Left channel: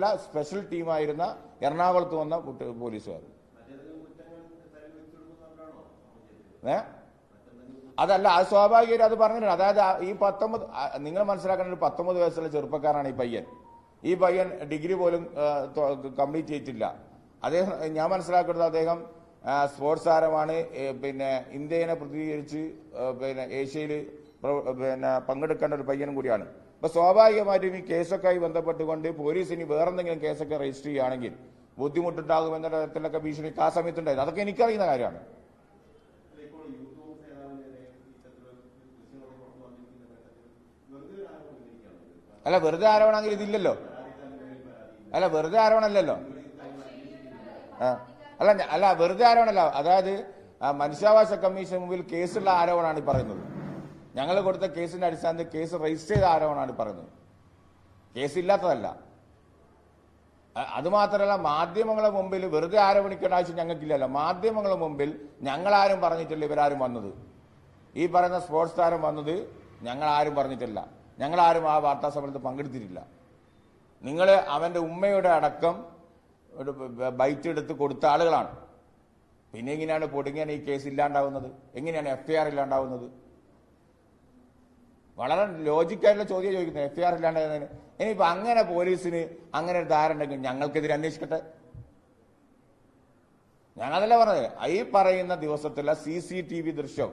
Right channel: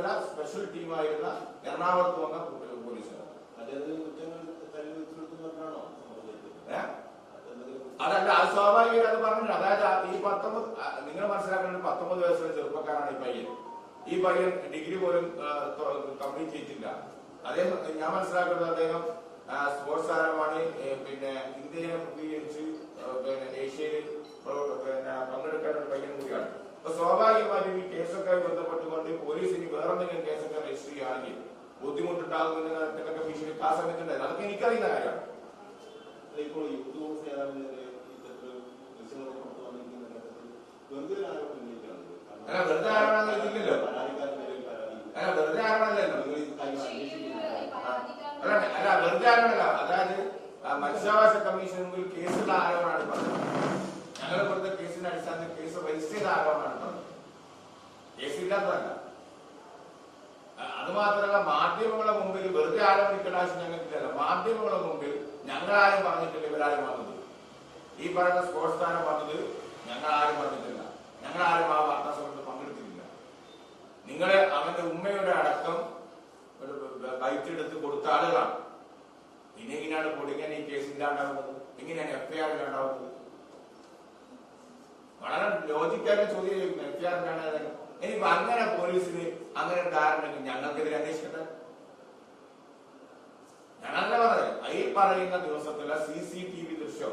പോലീസല്ല special ടീമായിരുന്ന എറണാകുളത്ത് വന്ന കുട്ടികൾ പോലീസുകാർ ഏ? അതല്ല അത് സ്വാഭാവികം അത് പറഞ്ഞു അതായത് ഈ പത്തൊമ്പത് നിങ്ങൾ മനസ്സിലാക്കേണ്ട പത്തൊമ്പത് വയസ്സുള്ള ചെറുപ്പക്കാരനാണ് ഈ പയ്യൻ. ഈ പയ്യൻ ഡിഗ്രി പോലും കംപ്ലീറ്റ് ചെയ്തിട്ടില്ല. അദ്ദേഹം ഞാൻ മനസ്സിലാക്കുന്നത് അദ്ദേഹം സ്പോർട്സ് താരമാണ്. പിന്നെ ഇന്ത്യയെ പ്രതികരിച്ച് പിന്നെ ഏഷ്യയിൽ പിന്നെ പങ്കെടുക്കേണ്ട ഒരു പയ്യൻ കൂടിയാണ്. അപ്പൊ സ്വാഭാവികമായിട്ടും ഈ കേസൊക്കെ ആയി ബന്ധപ്പെട്ടുകൊണ്ട് പോലീസ് ഇനി വേറെ എന്തെങ്കിലും കേസൊക്കെ രജിസ്റ്റർ ചെയ്യുകയാണെങ്കിൽ ബുദ്ധിമുട്ടുണ്ടാകുമെന്ന തരത്തിലൊക്കെ ഭീഷണി ആ സമയത്തുണ്ടായിരുന്നു അതൊക്കെ എനിക്കറിയുന്ന കാര്യമാണ്. അല്ല വെറുതെ ആരോപണം ഇതില്ലല്ലോ. അല്ല വെറുതെ ആരോപണമല്ലല്ലോ. അല്ല അല്ല വെറുതെ ആരോപണമല്ല അതായത് മനുഷ്യാവകാശ കമ്മീഷൻ മുമ്പിൽ കേസുള്ള ആരോപണമാണ് പറഞ്ഞത് പറയുന്നത് ഞങ്ങൾ കൊടുത്ത കേസിന്റെ അടിസ്ഥാനത്തിൽ കേസ് രജിസ്റ്റർ ചെയ്ത ആരോപണമാണ് പറഞ്ഞത്. കേസില്ലാത്തതല്ല. അതുമാത്രമല്ല അത് മാധ്യമങ്ങളുടെ മുമ്പിൽ വെറുതെ ആരോപണിക്കേണ്ട ആവശ്യം ഞങ്ങൾക്കില്ലല്ലോ. മാധ്യമങ്ങളുടെ മുമ്പിൽ ഞങ്ങളാരും പറഞ്ഞിട്ടില്ല ഇവരാരും വന്നത്. ഈ പറയുന്ന സ്പോർട്സ് താരം വന്നത് ഞങ്ങളാരും പറഞ്ഞിട്ടില്ല. ഞങ്ങളാരും ആ വാർത്താ സമയത്ത് പങ്കെടുത്തിട്ടില്ല. നിങ്ങൾ അവന്റെ ഉമ്മയുടെ അടക്കം ഒരു ബൈറ്റ് എടുത്ത് കൊടുത്ത ആളുകളാണ്. പിന്നെ എങ്ങനെയാണ് പൊടുങ്ങാൻ ഈ കേസ് ഇല്ലാണ്ടാവുന്നത്? എങ്ങനെയാണ് എഫ് ഐ ആർ ഇല്ലാണ്ടാവുന്നത്? വളരെ ലോജിക്കായിട്ടുള്ള ചോദ്യം ചോദിക്കുന്നത് എഫ് ഐ ആർ ഇനിയിപ്പോ അങ്ങനെ പോലീസിന് അങ്ങനെ ധാരണ ഉണ്ടെങ്കിൽ ഞങ്ങൾക്കെതിരെ അന്വേഷിക്കട്ടെ. ഞങ്ങളല്ല പറഞ്ഞത്? ഈ പറയുന്ന ദിവസത്തിലെ സി സി ടി വി ദൃശ്യം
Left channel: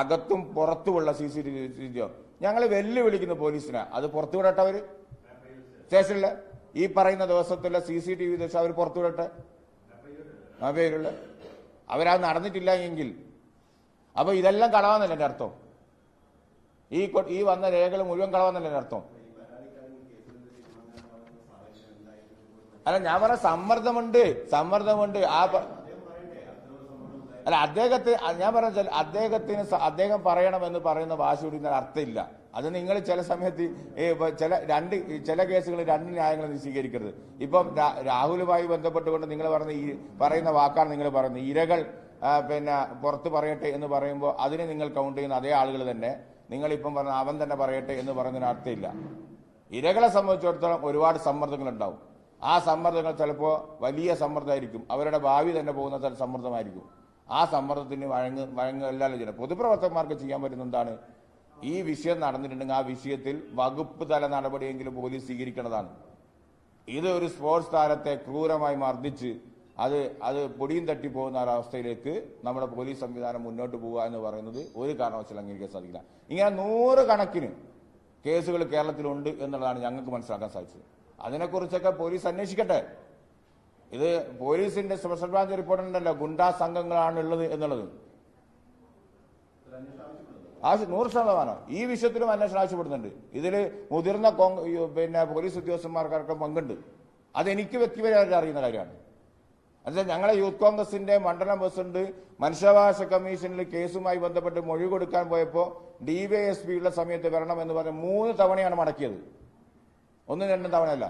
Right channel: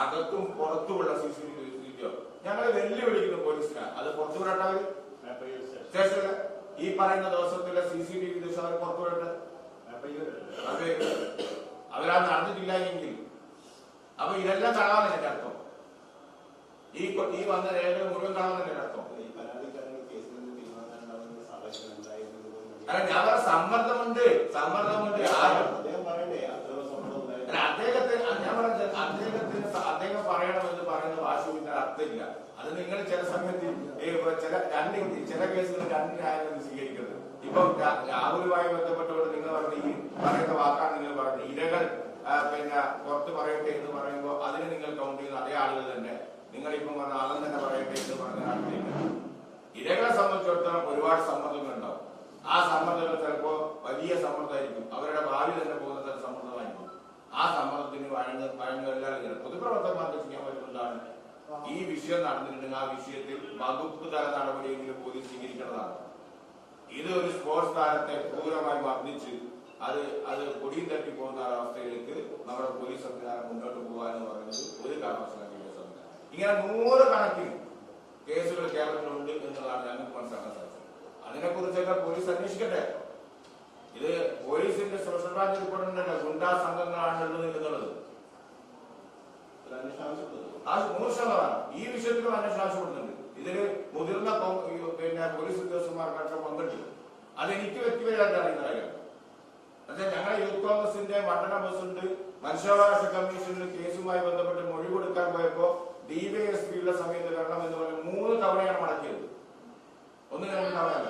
അകത്തും പുറത്തുമുള്ള സി സി ടി വി ദൃശ്യം ഞങ്ങൾ വെല്ലുവിളിക്കുന്നു പോലീസിനെ. അത് പുറത്തു വിടട്ടെ അവർ? സ്റ്റേഷനിൽ ഈ പറയുന്ന ദിവസത്തിലെ സി സി ടി വി ദൃശ്യം അവർ പുറത്തു വിടട്ടെ അവർ അവരത് നടന്നിട്ടില്ല എങ്കിൽ. അപ്പൊ ഇതെല്ലാം എന്റെ അർത്ഥം? ഈ ഈ വന്ന രേഖകൾ മുഴുവൻ കളവെന്നല്ലേ അർത്ഥം? അല്ല ഞാൻ പറഞ്ഞ സമ്മർദ്ദമുണ്ട് സമ്മർദ്ദമുണ്ട്. ആ അല്ല അദ്ദേഹത്തെ ഞാൻ പറഞ്ഞ അദ്ദേഹത്തിന് അദ്ദേഹം പറയണമെന്ന് പറയുന്ന ഇതിന് അർത്ഥമില്ല. അത് നിങ്ങൾ ചില സമയത്ത് ചില രണ്ട് ചില കേസുകൾ രണ്ട് ന്യായങ്ങൾ സ്വീകരിക്കരുത് ഇപ്പം രാഹുലുമായി ബന്ധപ്പെട്ടുകൊണ്ട് നിങ്ങൾ പറയുന്ന ഈ പറയുന്ന വാക്കാണ് നിങ്ങൾ പറയുന്നത്. ഇരകൾ പിന്നെ പുറത്ത് പറയട്ടെ എന്ന് പറയുമ്പോൾ അതിന് നിങ്ങൾ കൗണ്ട് ചെയ്യുന്ന അതേ ആളുകൾ തന്നെ. നിങ്ങൾ ഇപ്പം പറഞ്ഞ അവൻ തന്നെ പറയട്ടെ എന്ന് പറഞ്ഞതിനർത്ഥമില്ല ഇരകളെ സംബന്ധിച്ചിടത്തോളം ഒരുപാട് സമ്മർദ്ദങ്ങളുണ്ടാവും. ആ സമ്മർദ്ദങ്ങൾ ചിലപ്പോൾ വലിയ സമ്മർദ്ദമായിരിക്കും. അവരുടെ ഭാവി തന്നെ പോകുന്ന തരം സമ്മർദ്ദമായിരിക്കും. ആ സമ്മർദ്ദത്തിന് വഴങ്ങ് വഴങ്ങല്ലാതെ ചില പൊതുപ്രവർത്തകന്മാർക്ക് ചെയ്യാൻ പറ്റുന്നതാണ് ഈ വിഷയം നടന്നിട്ടുണ്ടെങ്കിൽ ആ വിഷയത്തിൽ വകുപ്പ് തല നടപടിയെങ്കിലും പോലീസ് സ്വീകരിക്കേണ്ടതാണ്. ഇത് ഒരു സ്പോർട്സ് താരത്തെ ക്രൂരമായി മർദ്ദിച്ച് അത് അത് പൊടിയും തട്ടി പോകുന്ന ഒരവസ്ഥയിലേക്ക് നമ്മുടെ പോലീസ് സംവിധാനം മുന്നോട്ട് പോകുക എന്ന് പറയുന്നത് ഒരു കാരണവശാലും അംഗീകരിക്കാൻ സാധിക്കില്ല. ഇങ്ങനെ നൂറ് കണക്കിന് കേസുകൾ കേരളത്തിലുണ്ട് എന്നുള്ളതാണ് ഞങ്ങൾക്ക് മനസ്സിലാക്കാൻ സാധിച്ചത്. അതിനെക്കുറിച്ചൊക്കെ പോലീസ് അന്വേഷിക്കട്ടെ. ഇത് പോലീസിന്റെ സ്പെഷ്യൽ ബ്രാഞ്ച് റിപ്പോർട്ടിലുണ്ടല്ലോ ഗുണ്ടാ സംഘങ്ങളാണ് ഉള്ളത് എന്നുള്ളത്. നൂറ് ശതമാനം. ഈ വിഷയത്തിലും അന്വേഷണം ആവശ്യപ്പെടുന്നുണ്ട്. ഇതിൽ മുതിർന്ന പിന്നെ പോലീസ് ഉദ്യോഗസ്ഥന്മാർക്കൊക്കെ പങ്കുണ്ട്. അതെനിക്ക് വ്യക്തിപരമായിട്ട് അറിയുന്ന കാര്യമാണ്. എന്നുവെച്ചാൽ ഞങ്ങളെ യൂത്ത് കോൺഗ്രസിന്റെ മണ്ഡലം പ്രസിഡന്റ് മനുഷ്യാവകാശ കമ്മീഷനിൽ കേസുമായി ബന്ധപ്പെട്ട് മൊഴി കൊടുക്കാൻ പോയപ്പോൾ ഡിവൈഎസ്പി ഉള്ള സമയത്ത് വരണം എന്ന് പറഞ്ഞ് മൂന്ന് തവണയാണ് മടക്കിയത്. ഒന്നും രണ്ടും തവണയല്ല.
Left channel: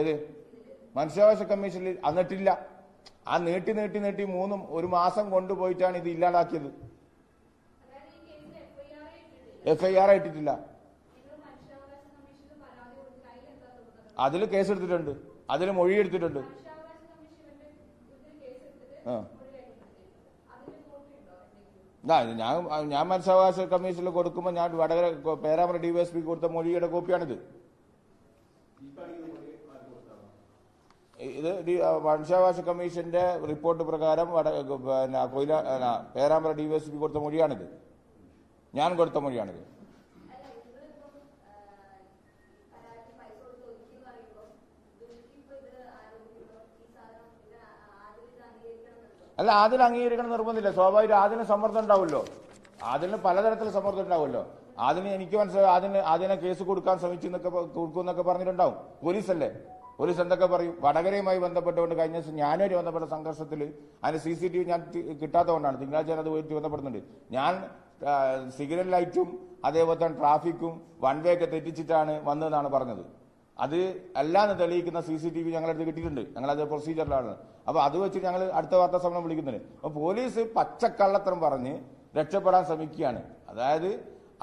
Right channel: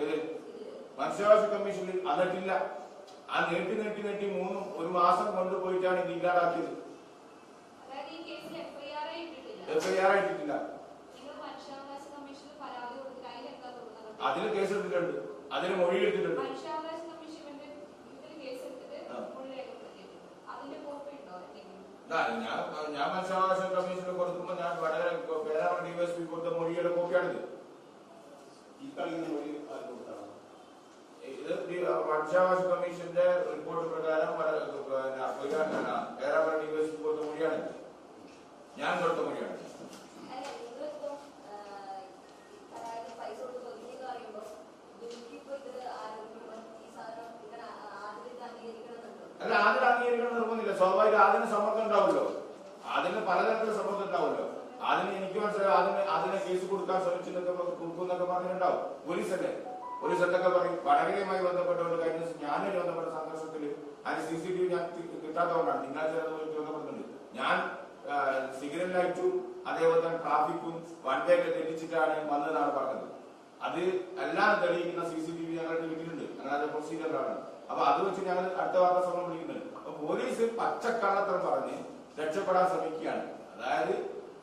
ഏത്? മനുഷ്യാവകാശ കമ്മീഷനിൽ അന്നിട്ടില്ല ആ നീട്ടി നീട്ടി നീട്ടി മൂന്നും ഒരു മാസം കൊണ്ടുപോയിട്ടാണ് ഇത് ഇല്ലാതാക്കിയത്. എഫ് ഐ ആർ ആയിട്ടില്ല അതിൽ കേസെടുത്തിട്ടുണ്ട്. അതിന് മൊഴി എടുത്തിട്ടുണ്ട് മനുഷ്യാവകാശ കമ്മീഷൻ ഇവന്റെ കേസ് എടുത്തിട്ട് ആ. മൊഴി രേഖപ്പെടുത്തിയിട്ടുണ്ട് കോപ്പി ഉണ്ടോ എന്തെങ്കിലും ഇതാ, ഞാൻ ഞാൻ മനുഷ്യാവകാശ കമ്മീഷനിൽ കൊടുക്കുമ്പോൾ ഞാൻ Vadakara Perambra D S P കൊടുത്ത മൊഴിയുടെ കോപ്പിയാണിത്. ഇത് മനുഷ്യാവകാശ കമ്മീഷന്റെ റിപ്പോർട്ട് പ്രകാരം പിന്നെ പേരാമ്പ്ര ഡി എസ് പി കൊടുത്ത മൊഴിയാണിത്. ഞാൻ കൊടുത്ത മൊഴിയാണിത് അല്ല നിങ്ങളിപ്പോ പരാതി പൈസ കൊടുത്ത് ഒതുക്കിയെന്ന് പറയുമ്പോ ദുഃഖിപ്പോ ഇത് ആരോപിക്കുമ്പോ ഈ സാധനം നിങ്ങൾ ആദ്യം ഇത് അംഗീകരിക്കണമെന്നുണ്ടോ അല്ല ആദ്യം അംഗീകരിക്കണം നിർബന്ധമില്ല. സ്വാഭാവികം ആദ്യം സമ്മർദ്ദം ഉണ്ടാവുമല്ലോ. ആദ്യം പലതരത്തിൽ സമ്മർദ്ദം ഉണ്ടാവുമല്ലോ. ആദ്യം എനിക്ക് മനസ്സിലായി ആദ്യം ആദ്യം കേസ് കൊടുക്കാൻ ശ്രമിച്ചു എന്നൊക്കെ കൊടുക്കും എന്നൊക്കെ പറഞ്ഞിട്ടുണ്ടാവും. പോലീസല്ലേ? പോലീസ് എന്തൊക്കെ പറയും? വടകരയുമായി ബന്ധപ്പെട്ടുകൊണ്ട് കഴിഞ്ഞ ദിവസം ഞാനൊരു ബന്ധപ്പെട്ട സംഘർഷത്തിൽ അതിന് സി സി ടി വി ഞാൻ കിട്ടാത്ത കിട്ടാത്തതുകൊണ്ടാണ്. തിങ്കളാഴ്ച അത് പോയിട്ട് ബന്ധപ്പെടുന്നുണ്ട്. ഞാൻ സിഗ്നൽ ലൈറ്റും അതേപോലെ തന്നെ ട്രാഫിക്കും വൺ വേ ഒക്കെ തെറ്റിച്ചിട്ടാണ് വന്നതെന്നാണ് പറഞ്ഞത്. അത് അല്ലാതെ തെളിയിക്കുന്ന സി സി ടി വി ഞങ്ങളടുത്ത് കിട്ടിയിട്ടുണ്ട്. ഞങ്ങളത് പ്രൊസീജിയറിലാണ് അപ്പൊ അത് വെച്ച് ഞങ്ങൾ അടുത്ത വാർത്താ സമ്മേളനം വിളിക്കുന്നുണ്ട്. അപ്പൊ പോലീസ് പച്ചക്കള്ളത്തരം പറഞ്ഞ് രക്ഷപ്പെടാൻ ശ്രമിക്കുകയാണ്. അതായത്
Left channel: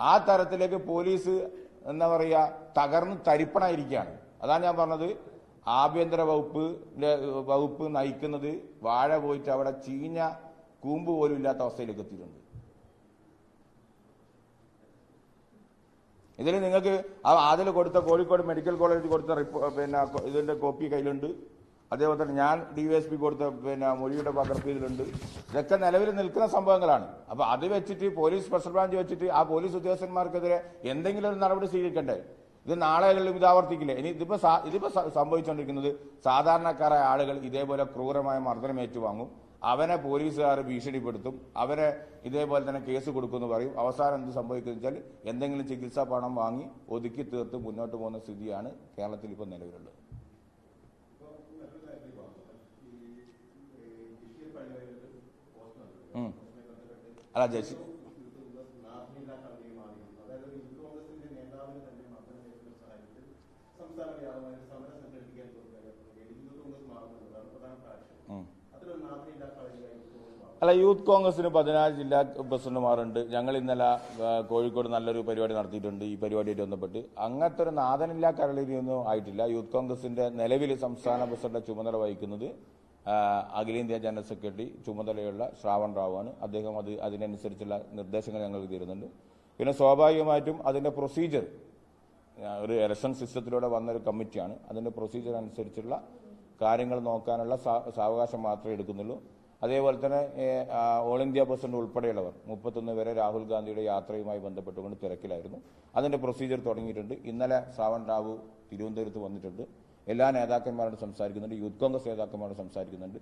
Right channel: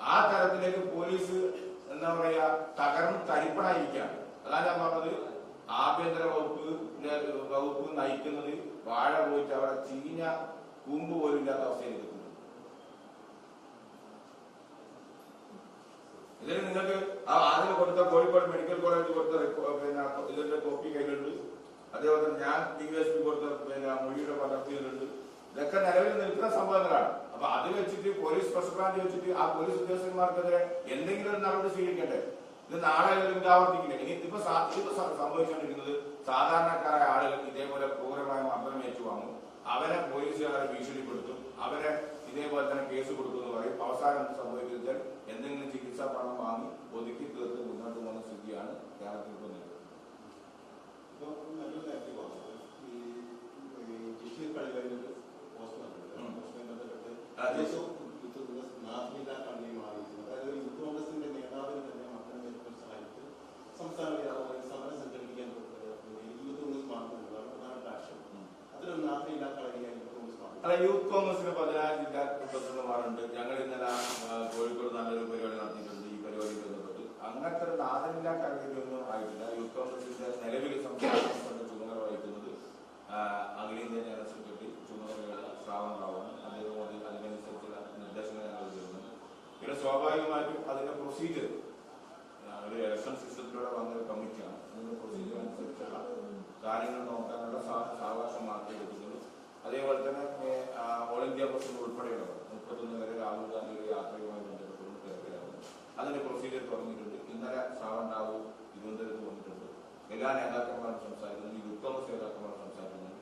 ആ തരത്തിലേക്ക് പോലീസ് എന്താ പറയുക തകർന്ന് തരിപ്പണായിരിക്കുകയാണ്. അതാണ് ഞാൻ പറഞ്ഞത്. ആഭ്യന്തര വകുപ്പ് വകുപ്പ് നയിക്കുന്നത് വാഴ പോയിട്ട് അവിടെ ചീഞ്ഞ കൂമ്പ് പോലും ഇല്ലാത്ത അവസ്ഥയിലേക്ക് എത്തുന്നുണ്ട് ഇതിൽ നിങ്ങൾക്ക് അതിൽ കൊടുത്ത കോഴിക്കോട് മെഡിക്കൽ കോളേജിൽ കൊടുത്ത റിപ്പോർട്ട് പിന്നെ ഇതിന്റെ കോപ്പി കയ്യിലുണ്ട്. അതേപോലെ തന്നെ ഞാൻ ഡി എസ് പി കൊടുത്ത പിന്നെ മൊഴിയുടെ പകർപ്പ് ഇതിലുണ്ട്. ഇതൊക്കെ നിലവിൽ നിൽക്കുന്ന സംഭവങ്ങളാണ്. അപ്പൊ അത് വെച്ചിട്ട് പോലീസ് സ്പെഷ്യൽ ബ്രാഞ്ച് വെച്ചിട്ട് ആ പോലീസ് ഉദ്യോഗസ്ഥന്മാർക്കെതിരെ എന്തെങ്കിലും ഒരു നടപടി സ്വീകരിക്കണ്ടേ? ഇത് നാളെ അല്ലെങ്കിൽ ഇത് ആവർത്തിക്കില്ല? ഇനി ഇതിപ്പോ ഇതിപ്പോൾ ഇതിപ്പോ സ- സംഭവിച്ചുകൊണ്ടിരിക്കുന്നത് സാധാരണക്കാരായ ആളുകൾ ഇതേപോലെ ക്രൂരമായ മർദ്ദനം ഏറ്റുവാങ്ങും. അവനെ പോലീസുകാർ ഭീഷണിപ്പെടുത്തും. അവരെ ഇതേപോലെ തന്നെ കേസ് കൊടുക്കുമെന്ന് പറയും. അവസാനം എന്ത് സംഭവിക്കുന്നു വെച്ചാൽ എന്തെങ്കിലും ചികിത്സാ പണം വാങ്ങി ഒതുക്കി തീർത്ത് മുന്നോട്ട് പോകുന്ന സ്ഥിതിയാണ് കേരളത്തിൽ ഇപ്പോൾ നിലവിലുള്ളത് അല്ല മറ്റൊരു അല്ല യൂത്ത് കോൺഗ്രസിന് പതിനാറ് ജില്ലാ പ്രസിഡന്റുമാരുണ്ട്. ഞങ്ങൾ ഇന്നലെ കോഴിക്കോട് നല്ലൊരു പരിപാടി നടത്തിയിട്ടുണ്ട്. ഈ പരിപാടിയായിട്ട് ബന്ധപ്പെട്ട്. അങ്ങനത്തെ ഒരു നാഥനില്ലാ കരളിയൊന്നും ആയിട്ടില്ല. യൂത്ത് കോൺഗ്രസിന്റെ നിലവിൽ സംസ്ഥാന പ്രസിഡന്റ് ചുമതല വഹിക്കുന്നത് അഖിലേന്ത്യാ ജനറൽ സെക്രട്ടറി ചുമതലയുള്ള ശ്രാവൺ റാവുവാണ്. അദ്ദേഹം അത് അതിനനുസരിച്ചുള്ള നിർദ്ദേശങ്ങൾ ഞങ്ങൾ തരുന്നുണ്ട് പിന്നെ സ്വാഭാവികമായിട്ടും അതിന്റെ പ്രൊസീജിയർ ഒരു ഇലക്ഷൻ സിസ്റ്റത്തിലൂടെ വന്നൊരു കമ്മിറ്റിയാണ്. അതിന്റെ പ്രൊസീജിയർ അനുസരിച്ചുള്ള കാര്യങ്ങൾ നോക്കാനുള്ള സാവകാശം മാത്രമേ എടുക്കുന്നുള്ളൂ. അതേപോലെ തന്നെ ഓൾ ഇന്ത്യ പ്രസിഡന്റ് ഉൾപ്പെടെയുള്ളവർ മുപ്പത്തൊന്ന് വരെ രാഹുൽ ഗാന്ധിയുടെ യാത്രയുമായി ബന്ധപ്പെട്ടുകൊണ്ട് തിരക്കിലായിരുന്നു. അതിന്റെ പ്രൊസീജിയർ തുടങ്ങിയിട്ടുണ്ട്. ഇന്നലെ ശ്രാവൺ റാവു തിരുവനന്തപുരത്ത് വന്നിട്ടുണ്ട്. എല്ലാ നേതാക്കന്മാരും സംസാരിക്കുന്നുണ്ട്. യൂത്ത് കോൺഗ്രസ് നേതാക്കന്മാരും സംസാരിക്കുന്നുണ്ട്.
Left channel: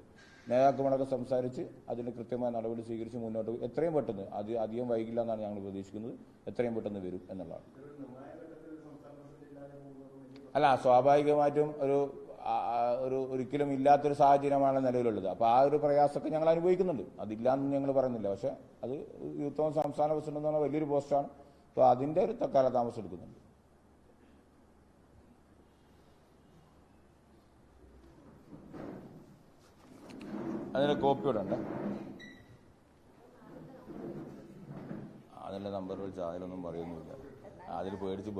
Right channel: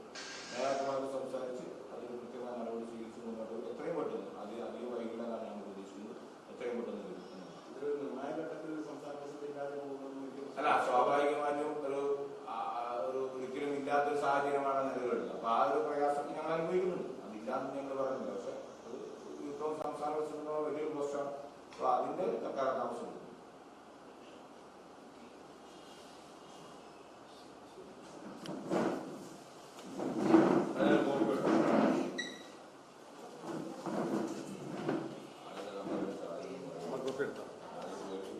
നേതാക്കന്മാരൊക്കെ സംസാരിച്ച് അതിന് കൃത്യമായ നടപടി സ്വീകരിച്ച് മുന്നോട്ട്. എത്രയും പെട്ടെന്ന് അത് അധികം വൈകില്ല എന്നാണ് ഞങ്ങൾ പ്രതീക്ഷിക്കുന്നത്. എത്രയും പെട്ടെന്ന് വരും എന്നുള്ളതാണ്. അല്ല സ്വാഭാവികമായിട്ടും ഒരു ഒരിക്കലും ഇല്ലാത്തൊരു സാഹചര്യമാണ് നിലവിലുള്ളത് അപ്പോൾ ആ ഒരു പ്രയാസമൊക്കെ ഞങ്ങൾ അനുഭവിക്കുന്നുണ്ട്. അതില്ലാന്ന് ഞങ്ങൾ പറയുന്നില്ല പക്ഷെ അത് യൂത്തോൺ സംസ്ഥാന പ്രസിഡന്റ് എന്ന് വലിയൊരു പോസ്റ്റാണ്. അപ്പോൾ അതിന്റെ ഒരു കാലതാമസം എടുക്കുന്നു അതിൽ കോപ്പിയുടെ അതിന്റെ നമ്പർ അതിനൊന്നും പറയുമ്പോൾ അതിൽ പേടിച്ച്